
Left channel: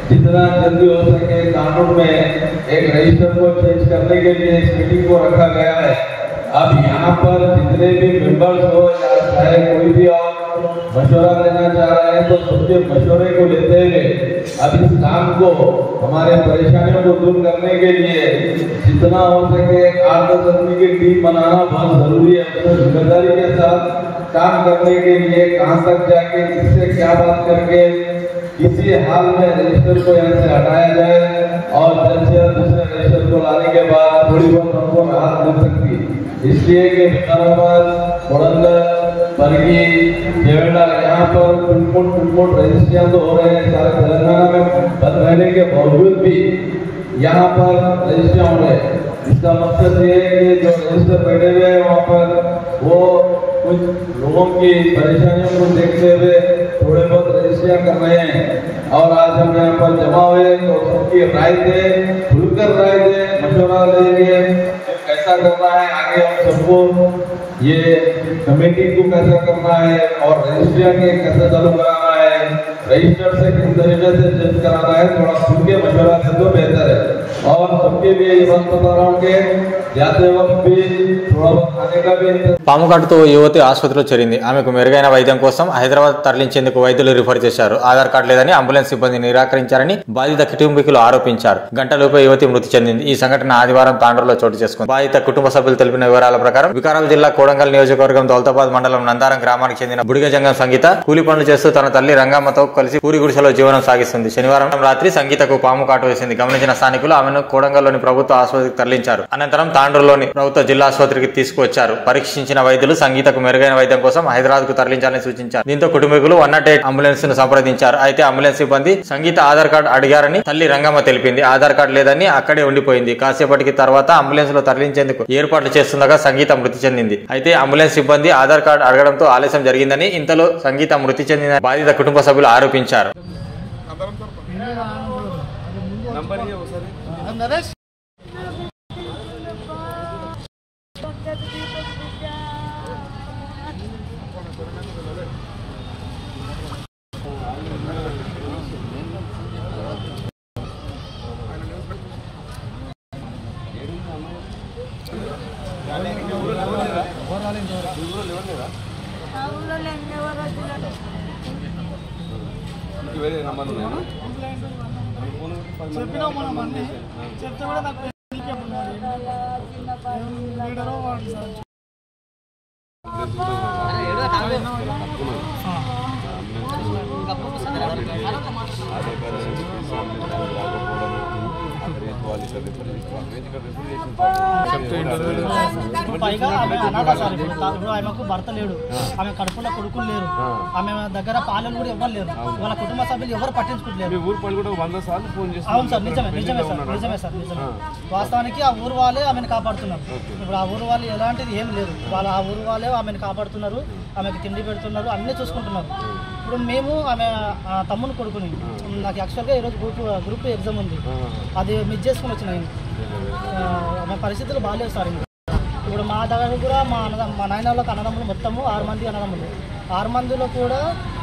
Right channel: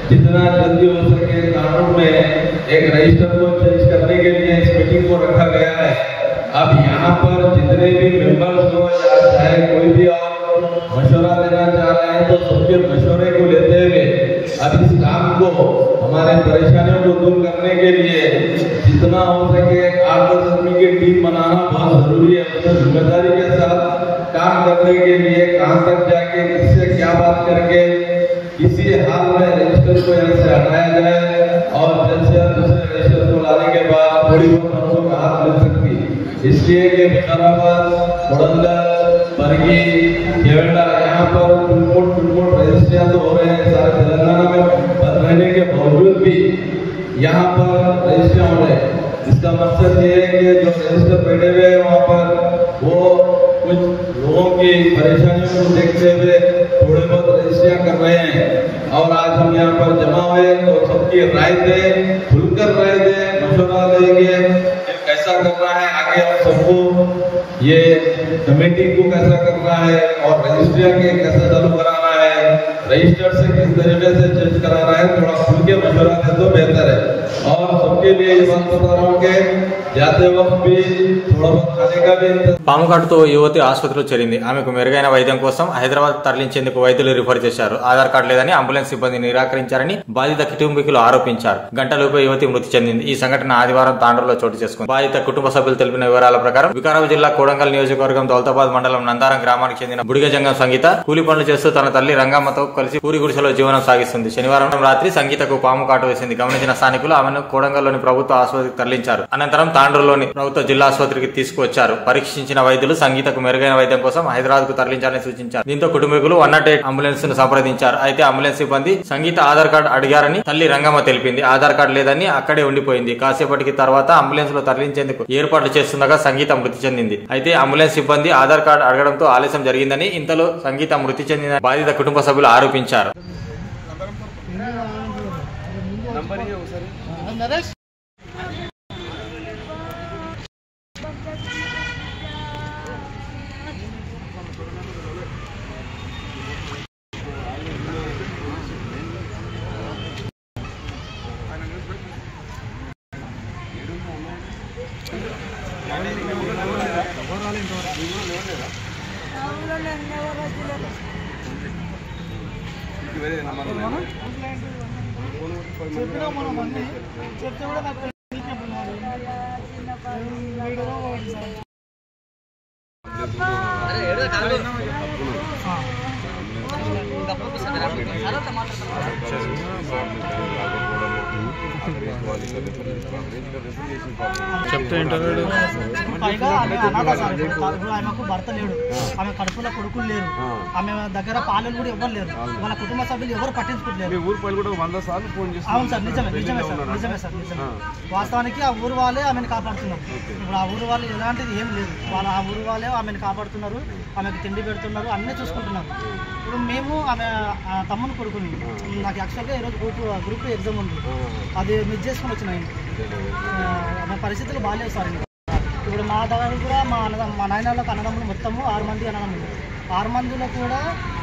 जितना जल्दी हो सके कानून में एक रजिस्टर को चेंज करने के लिए इस मीटिंग को रखा गया है। अब यहाँ पर जितने भी मेंबर्स हो या चाहे कोई भी मशवरा लेना चाह रहे हैं तो सबके मशवरे को लेते हुए अब इस काम को हमारे परेशानियों को दूर करने के लिए जितना हो सके 8-10 आदमी की टीम बनाना बहुत जरूरी है। जिम्मेदारी के साथ काम करने के लिए कहां तक जाके किससे क्या बात करके किसी हाल में रजिस्टर को यहाँ से हटाया जाए और जल्द से जल्द दूसरे रजिस्टर को लाने के बाद थोड़ी बहुत हमको राहत मिल सकती है। इसलिए कि विकाराबाद, मुड़ंदर, बरगी, केवड़ा यहाँ पर टुटमुट रजिस्ट्रियाँ तो हो रहे हैं सारे तेलंगाना में, बंद रहने के बावजूद भी यहाँ पर रजिस्ट्रियाँ हो रहे हैं। इसका मकसद ये है कि जो रजिस्टर बैठे हुए हैं वहाँ पर वो कुछ लोगों की परेशानियों को देखते हुए थोड़े बहुत रजिस्ट्रियाँ कर रहे हैं और आज हम यहाँ पर जमा हुए तो सबकी राय दे, खुलकर राय दे, मशवरा देंगे कैसा करना है आगे और सबको ये कमेटी को कैसा करना है और रजिस्ट्रियाँ के कैसा चालू कराना है, रजिस्टर से किस तरीके से चेंज कराना है, थोड़ा खुल के मशवरा दे तो बेहतर है। और सबके लिए इस अस्पतालों के जाते वक्त भी थोड़ा बहुत खाने का भी పాము కాటుతో యువతి ఆసుపత్రిలో చేరింది. ఆమెకు మెరుగైన వైద్యం కోసం హైదరాబాద్ తరలించేందుకు వైద్యులు రిఫర్ చేశారు. ఆధార్ కార్డు లేదని అంబులెన్స్ సిబ్బంది నిరాకరించారని బాధిత కుటుంబీకులు ఆరోపించారు. గంటలోపే యువతి మృతి చెందింది. ఈ సంఘటన ఆదివారం తాండూరులో చోటు చేసుకుంది. బాధిత కుటుంబ సభ్యులు తెలిపిన వివరాల ప్రకారం వికారాబాద్ జిల్లా కోడంగల్ నియోజకవర్గం దౌలతాబాద్ మండలం నందారం గ్రామానికి చెందిన బుడిగజంగం సంగీత కూలి పనులు చేస్తూ తన తల్లి రంగమ్మతో కలిసి పూరి గుడిసెలో జీవనం సాగిస్తుంది. శనివారం రాత్రి సంగీతకు పాము కాటు వేసింది. గమనించిన స్థానికులు ఆమెను కోడంగల్లోని ప్రభుత్వ ఆసుపత్రికి తరలించారు. అనంతరం తాండూరులోని ప్రభుత్వ జిల్లా ఆసుపత్రికి తీసుకువచ్చారు. పరీక్షించిన వైద్యులు సంగీతకు మెరుగైన వైద్యం కోసం హైదరాబాద్ కు తరలించాలని సూచించారు. దీంతో కుటుంబీకులు 108 అంబులెన్స్ ను సంప్రదించారు. అయితే అంబులెన్స్ సిబ్బంది సంగీత ఆధార్ కార్డు అడిగారని తల్లి రంగమ్మ తెలిపింది. ఆధార్ కార్డు లేదని అక్కడే ఉండిపోయింది. కాసేపటికి తర్వాత అంబులెన్స్ లో తరలించేందుకు ఏర్పాట్లు చేస్తుండగా సంగీత మృతి చెందింది. అయితే అంబులెన్స్ సిబ్బంది ఆధార్ కార్డు అడగడంతో ఆలస్యం జరిగిందని ఇంతలో సంగీత మృతి చెందిన బాధిత కుటుంబ సభ్యులు ఆరోపించారు. చెప్పినా మనం అన్ని చెప్తే కూడా నాకు పైగా ఆమె అనాథ సార్. ఇప్పుడు ఆమెకు భర్త లేడు, ఆమె కడుపులో కొడుకులు లేరు, ఆమె దగ్గర పాలలు కూడా ఎవరు లేరు, వాళ్ళ కుటుంబ సభ్యులు ఎవరు పట్టించుకోలేరు. అవును సార్, నిజమే సార్. వాస్తవానికి ఆ ఊరు వాళ్ళే ఆమెను కాపాడుతున్నారు. ఇప్పుడు ఆ ఊరు వాళ్ళు ఎలాంటిది ఏం లేదు, వాళ్ళు ఆ ఊరు వాళ్ళే ఆమెను కాపాడుతున్నారు, ఆమెకు తిండి పెడుతున్నారు, అన్నీ చూసుకుంటున్నారు. ఇప్పుడు మేము ఆమె తమ్ముని కొడుకుని, నాకు యాక్చువల్గా ఈరోజు గ్రూప్ ఎగ్జామ్ ఉంది, అది మిస్ చేసుకుని వచ్చిన. ఆమె పరిస్థితులు బాగాలేవు సార్. ఇప్పుడు మా దగ్గర కూడా మా నాయన వాళ్ళకి అన్నదమ్ములు మొత్తము 6 మంది అన్నదమ్ములు. 6 మందిలో కూడా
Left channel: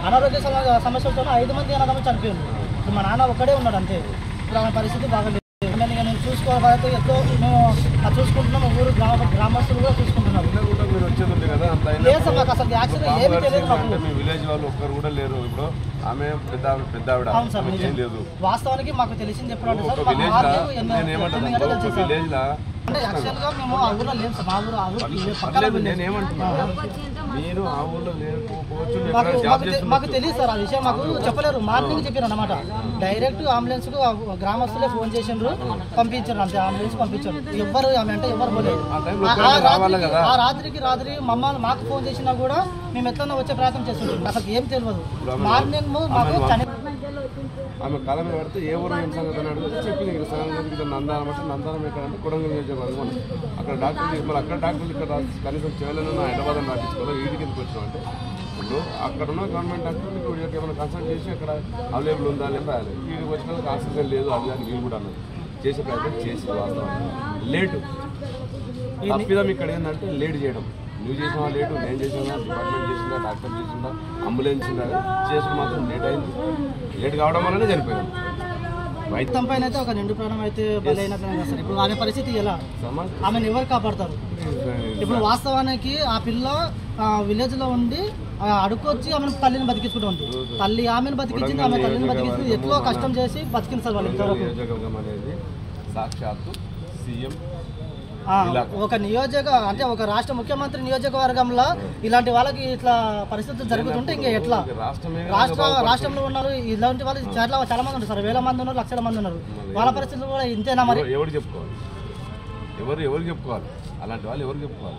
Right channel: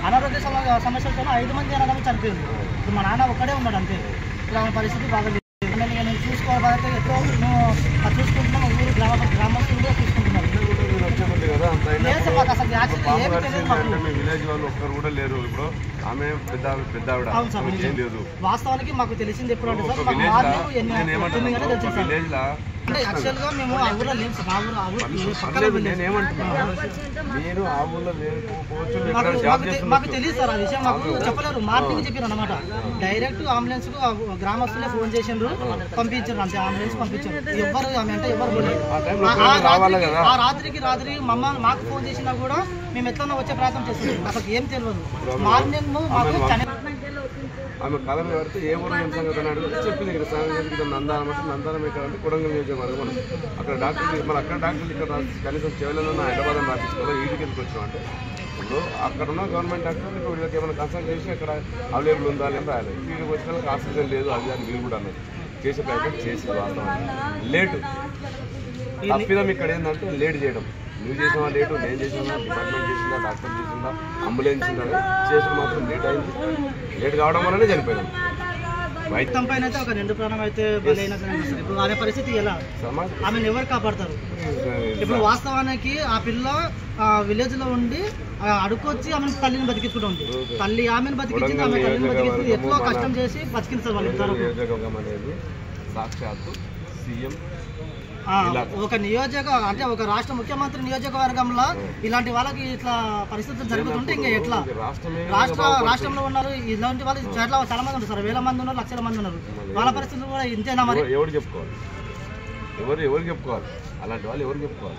అనారోగ్య సమస్యలతో 5 మంది అన్నదమ్ములు చనిపోయింది. ఇప్పుడు మా నాన్న ఒక్కడే ఉన్నాడు అంతే. ఇప్పుడు ఆమె పరిస్థితి బాగా లేదు. నేను చూసుకోవాలంటే ఎంతో మేము చూసుకుంటున్నాము, ఊరు గ్రామస్తులు కూడా చూసుకుంటున్నారు. లేదు సార్, మాకు అసలు యాక్చువల్గా ఏమి తెలియదు. అవును సార్, వాస్తవానికి మాకు తెలిసింది ఎప్పుడు అంటే సార్, అంటే యాక్చువల్గా మేము ఆ ఊళ్ళో లేము సార్. మా ఊరు మాకు తెలియదు సార్, ఆ విషయం మాకు చెప్పలేరు. మార్నింగ్ చెప్పారు అనమాట. డైరెక్ట్ అంబులెన్స్ కు గ్రామస్తులే ఫోన్ చేసిండ్రు, పంపించారు అంతే. అంబులెన్స్ పంపించారు. ఎవరు ఆమె అంటే ఎవరు పోలేదు. ఆ రాత్రికి మాకు ఫోన్ చేసినా కూడా మేము ఎట్లా వచ్చే ప్రయత్నం చేస్తున్నాం. అసలు ఏం తెలియదు. మార్నింగ్ మాకు ఆమె కళ పెడితే ఏ ఊరు ఏం సంగతి అని అడిగితే చెప్పింది. ఇక్కడ సాయంత్రం నందానం అంటే నందానం ఎక్కడ అంటే కొడంగల్ నియోజకవర్గం మనం అక్కడ డాక్టర్లు మరి అక్కడ డాక్టర్లు ఇక్కడ కనీసం చేయలేదన్న హైదరాబాద్ రాపించుకోవాలి. వీడికి ఎందుకు వచ్చినాం అంటే ఇప్పుడు అక్కడ ఉన్న గవర్నమెంట్ డాక్టర్లు ఇప్పుడు వీళ్ళకి ఏమైనా కన్సల్ట్ చేసి అక్కడ అవైలబుల్ ఉందా లేదా రాయాలి. వీడికి వచ్చిన వాళ్ళకి ఆక్సిజన్ లేదు, అది అని వీళ్ళు కూడా అన్నారు. చేసే ప్రయత్నం చేసి వాస్తవం లేటు తప్పిదం ఇక్కడ ఏంటంటే లేట్ చేయడం. నువ్వు చేసిన లేటు, నేను చేసిన, డిపార్ట్మెంట్ చేసిందా, డాక్టర్ చేసిందా, అంబులెన్స్ చేసిన మాత్రం లేట్ అయింది. లేట్ కావడం వల్లనే చనిపోయాను. వైద్యం పైన అయితే ఒక నిండు ప్రాణం అయితే బలైన సార్. ఇప్పుడు ఆమె పరిస్థితి ఎలా, ఆమెను ఎవరు కాపాడతారు? ఇప్పుడు వాస్తవానికి ఆ పిల్ల విలేజ్ లో ఉండి అడుకొచ్చి ఆమెను తల్లిని బతికించుకుంటుంది. తల్లి ఆమెను బతికించింది, ఆమె తల్లిని బతికించింది. ఎంతో కష్టం చేసి బతికింది సార్ వాళ్ళు ఇంతవరకు. సాక్షాత్తు సీఎం ఒక అంటే ఒక రాష్ట్ర ముఖ్యమంత్రి నియోజకవర్గంలో ఇలాంటి వాళ్ళకి ఇట్లా పరిస్థితులు జరుగుతుంటే ఇంకా ఎట్లా? రాష్ట్రంలో ఉన్నారు ఇలాంటి వాళ్ళు చాలా మంది ఉన్నారు సార్. వేల మంది ఉన్నారు, లక్షల మంది ఉన్నారు. వాళ్ళ పరిస్థితులు కూడా ఇంతేనా? మరి ఎవరు చెప్పుకోవాలి? ఎవరు చెప్పుకోవాలి? అలాంటి వాళ్ళు ఎవరు చెప్పుకోవాలి?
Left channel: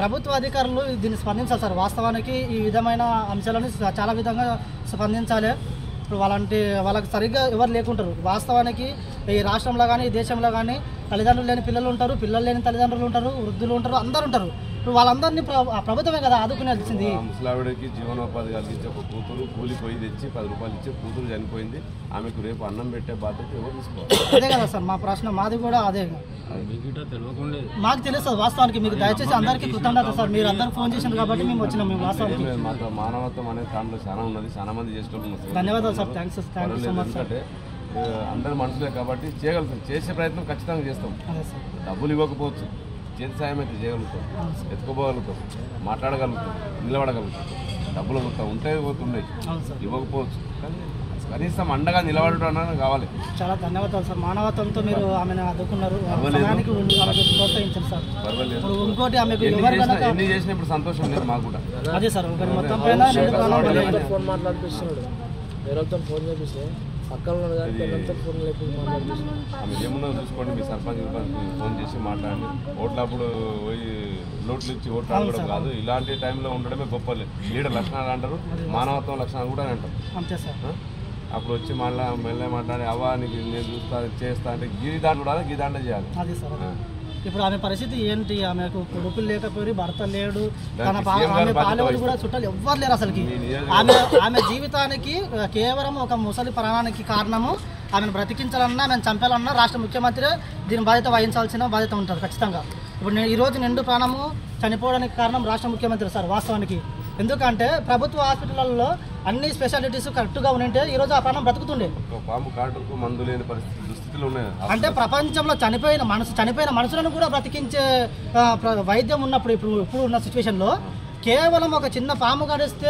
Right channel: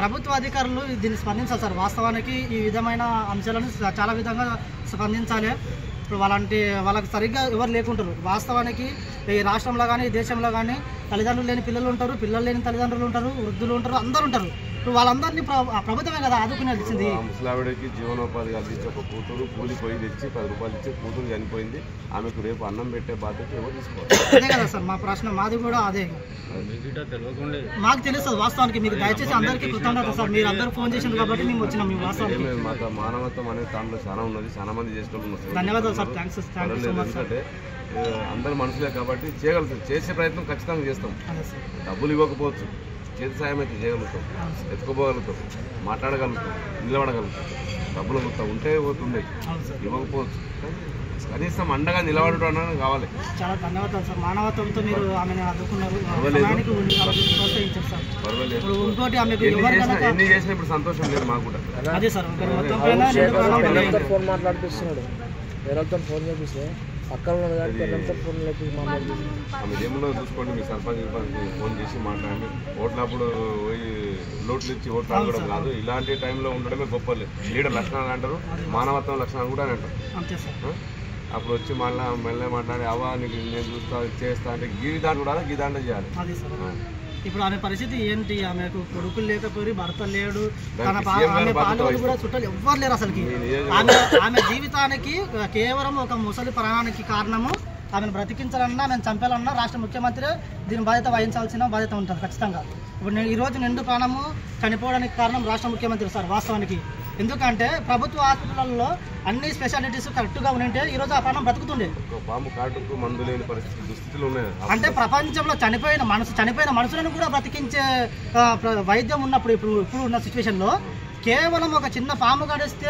ప్రభుత్వ అధికారులు దీన్ని స్పందించాలి సార్. వాస్తవానికి ఈ విధమైన అంశాలను చాలా విధంగా స్పందించాలి. ఇప్పుడు వాళ్ళకి సరిగ్గా ఎవరు లేకుంటారు. వాస్తవానికి ఈ రాష్ట్రంలో కానీ ఈ దేశంలో కానీ తల్లిదండ్రులు లేని పిల్లలు ఉంటారు, పిల్లలు లేని తల్లిదండ్రులు ఉంటారు, వృద్ధులు ఉంటారు, అందరూ ఉంటారు. ఇప్పుడు వాళ్ళందరినీ ప్రభుత్వమే కదా ఆదుకునేది. ముసలావిడకి జీవనోపాధి కలిగించి ఒక కూతురు కూలిపోయి తెచ్చి 10 రూపాయలు ఇచ్చి కూతురు చనిపోయింది. ఆమెకు రేపు అన్నం పెట్టే బాధ్యత ఎవరు తీసుకోవాలి? అదే కదా సార్ మా ప్రశ్న, మాది కూడా అదే. మాకు తెలుస్తుంది వాస్తవానికి. మీకు దయచేసి అందరికీ కృతజ్ఞత సార్, మీరు అందరూ ఫోన్ చేసింది కాబట్టి మేము వచ్చినాం. మేము వాస్తవానికి మాతో మానవత్వం అనేది దాంట్లో చాలా ఉన్నది, చాలా మంది చేసేటోళ్ళు ఉన్నారు. ధన్యవాదాలు సార్, థ్యాంక్స్ సో మచ్. ఎందుకంటే అందరి మనుషులే కాబట్టి చేయగలుగుతాం, చేసే ప్రయత్నం ఖచ్చితంగా చేస్తాం. డబ్బులు ఇవ్వకపోవచ్చు, చేతి సాయం అయితే చేయగలుగుతాం, ఎత్తుకోపోగలుగుతాం, మాట్లాడగలుగుతాం, నిలబడగలుగుతాం. డబ్బులు ఉంటే పోతుండే, ఇవ్వకపోవచ్చు, కనీసం అండగా నిలబడటం కావాలి. చాలా ధన్యవాదాలు సార్. మానవత్వంతో మీరు ఆమెను ఆదుకున్నారు, ప్రోత్సహించారు సార్. ఇప్పుడు ఇంకోటి ఆమెకు ఎన్ని చేసినా ఇప్పుడు సంతోషం లేదు మాకు కూడా. అదే సార్ మొత్తం పైన ఫోన్ మాట్లాడిపిస్తున్నాడు, వేరేతో ఫోన్ చేపిస్తే ఆమె ఏమన్నా చూసుకోండి, మీ సర్పంచ్ ఫోన్ చేసి మాట్లాడండి. ఓట్లప్పుడు పోయి నోట్లు ఇచ్చి ఓట్లు అడగడం కాదు, ఇలాంటి టైంలో ఉండడమే గొప్ప. లీడర్ లక్షణాలు అంటారు, మానవత్వం లక్షణాలు కూడా అంటారు. అప్పుడు వచ్చి మళ్ళీ మెల్లగా మాట్లాడి అవ్వా నీకు నేను చూస్తా చేస్తా అంటే గీదాంట కూడా గీదాంట చేయాలి. ఇప్పుడు ఆమె పరిస్థితి ఏంటి? ఆమెకు కొడుకులు లేకపోయి భర్త లేడు, తన ఆమె పాలెవరు కూడా చుట్టాలు ఎవ్వరు లేరు అసలుకి. ఆమె జీవితానికి కేవలం ఒక ముసలి ప్రాణానికి కారణము ఆమెను బ్రతికించాలన్నా, ఆమెను చంపాలన్నా రాష్ట్ర ముఖ్యమంత్రి దీని బాధ్యత వహించాల్సిన బాధ్యత ఉంటుంది ఖచ్చితంగా. ఇప్పుడు ఈరోజు నిండు ప్రాణము చనిపోవడానికి కారణం రాష్ట్ర ముఖ్యమంత్రి సార్ వాస్తవానికి. ఎందుకంటే ప్రభుత్వ హాస్పిటల్లో అన్ని స్పెషాలిటీస్ కరెక్ట్గా ఉంటే ఈరోజు ఆ ప్రాణం బ్రతుకుతుండే. అంటే ప్రపంచంలో చనిపోయిన మనుషులను కూడా బ్రతికించే వైద్యం ఉన్నప్పుడు ఇప్పుడు ఉన్న సిచ్యువేషన్లో కేవలం ఒక చిన్న పాము గడిస్తే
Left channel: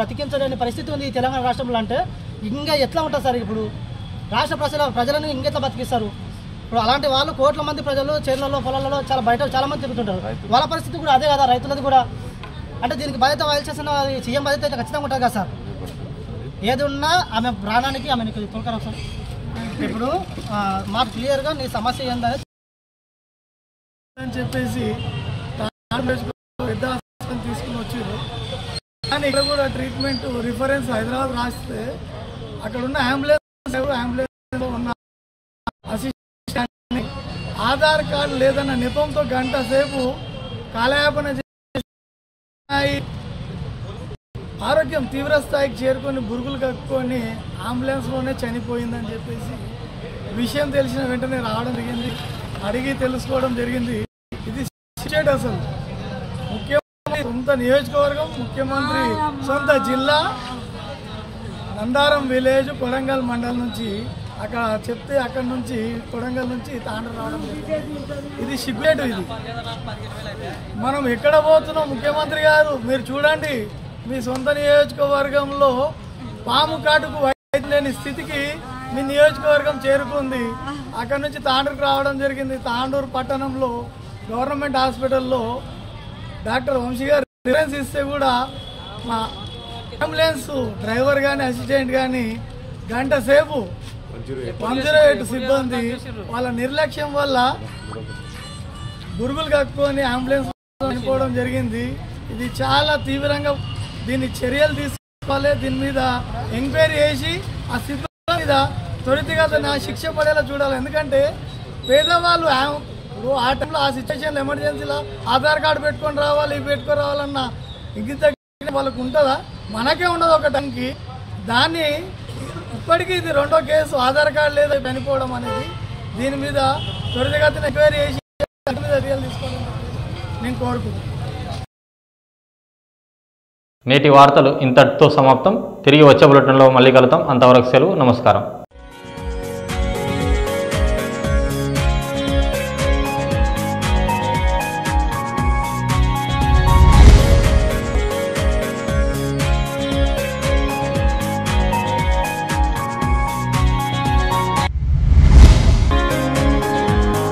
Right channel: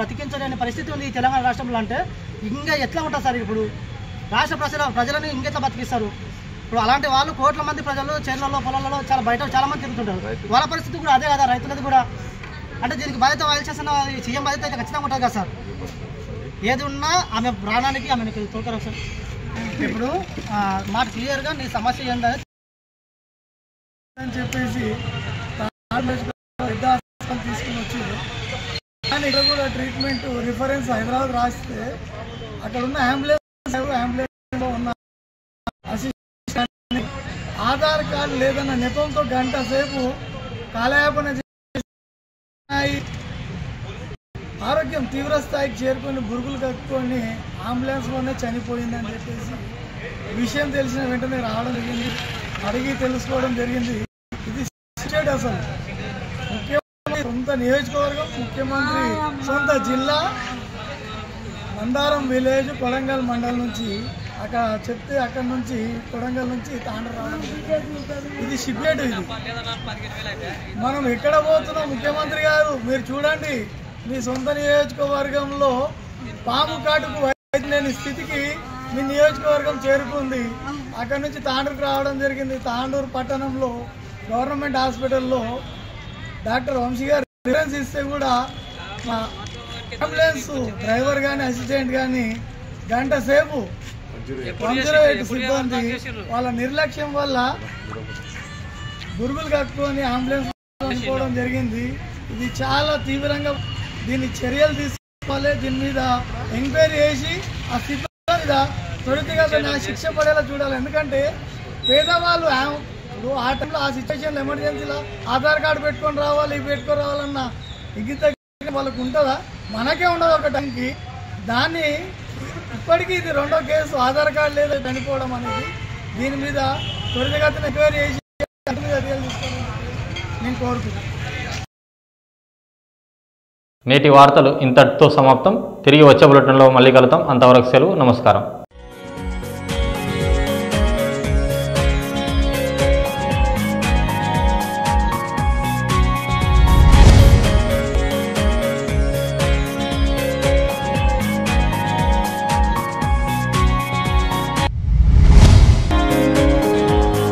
బ్రతికించలేని పరిస్థితి ఉంది ఈ తెలంగాణ రాష్ట్రంలో. అంటే ఇంకా ఎట్లా ఉంటుంది సార్? ఇప్పుడు రాష్ట్ర ప్రజలను ఇంకెట్లా బతికిస్తారు? ఇప్పుడు అలాంటి వాళ్ళు కోట్ల మంది ప్రజలు చేర్లలో పొలాలలో బయట చాలా మంది తిరుగుతుంటారు. వాళ్ళ పరిస్థితి కూడా అదే కదా, రైతులది కూడా. అంటే దీనికి బాధ్యత వహించాల్సిన సీఎం బాధ్యత అయితే ఖచ్చితంగా ఉంటుంది కదా సార్. ఏది ఉన్నా ఆమె ప్రాణానికి ఆమె తోలుతారు సార్. ఇప్పుడు మాట క్లియర్గా నీ సమస్య ఏందని చెప్పేసి పెద్ద హాస్పిటల్ తీసుకుని వచ్చారు. కానీ ఇక్కడ కూడా ట్రీట్మెంట్ రిఫరెన్స్ హైదరాబాద్ రాస్తే అక్కడ ఉన్న అంబులెన్స్లో ఉన్న అసిస్టెంట్ ఆధార్ కార్డు లేదన్న నెపంతో గంట సేపు కాలయాపన ఆరోగ్యం తీవ్ర స్థాయికి చేరుకొని బురుగులు కట్టుకొని అంబులెన్స్లోనే చనిపోయిందని చెప్పేసి విషయం తెలిసిన వెంటనే రావడం జరిగింది, అడిగి తెలుసుకోవడం జరిగింది. ఇది అసలు ముఖ్యమంత్రి సొంత నియోజకవర్గం, ముఖ్యమంత్రి సొంత జిల్లా నందారం విలేజ్ కొడంగల్ మండలం నుంచి అక్కడ చెప్తే అక్కడ నుంచి కొడంగల్ నుంచి తాండ్ర రావడం జరిగింది. ఇది సిగ్గులేటు. ఇది మనం ఎక్కడ పోతున్నాం? ముఖ్యమంత్రి గారు మీరు చూడండి, మీ సొంత నియోజకవర్గంలో పాము కాటుకు వైద్యం లేని స్థితికి మీ నియోజకవర్గం చేరుకుంది. అక్కడ నుంచి తాండూరుకు రావడం జరిగింది. తాండూరు పట్టణంలో గవర్నమెంట్ హాస్పిటల్లో డాక్టర్ వంశీ గారు రిఫరెన్స్ ఇస్తే కూడా మా అంబులెన్స్ డ్రైవర్ కానీ అసిస్టెంట్ కానీ గంట సేపు 108 సిబ్బంది వాళ్ళ నిర్లక్ష్యం వల్ల బురుగులు కట్టుకొని అంబులెన్స్ చనిపోవడం జరిగింది. ఇది చాలా తీవ్రంగా దీన్ని చర్యలు తీసుకోవాలి. దీని మీద ఎంక్వైరీ చేసి ఆ సిబ్బంది మీద త్వరితగతిన శిక్ష పడేలా చూడాలి. ఎందుకంటే పేదవాళ్ళు ఆ టైంలో ఆ సిచ్యువేషన్లో ఎమర్జెన్సీలో ఆధార్ కార్డు పెట్టుకొని రావాలి, ఇవి పెట్టుకొని రావాలన్న ఇంగిత వాళ్ళకు ఉంటుందా? మనకే ఉండదు ఒక టైంకి. దాన్ని ఇప్పటికీ ఇది రెండో కేసు, ఆధార్ కార్డు లేదా చనిపోవడం అనేది. దీని మీద త్వరితగతిన ఎంక్వైరీ చేసి చర్యలు తీసుకోవాలని నేను కోరుకుంటున్నాను. నేటి వార్తలు ఇంతటితో సమాప్తం. తిరిగి వచ్చే బులెటిన్లో మళ్ళీ కలుద్దాం. అంతవరకు సెలవు. నమస్కారం.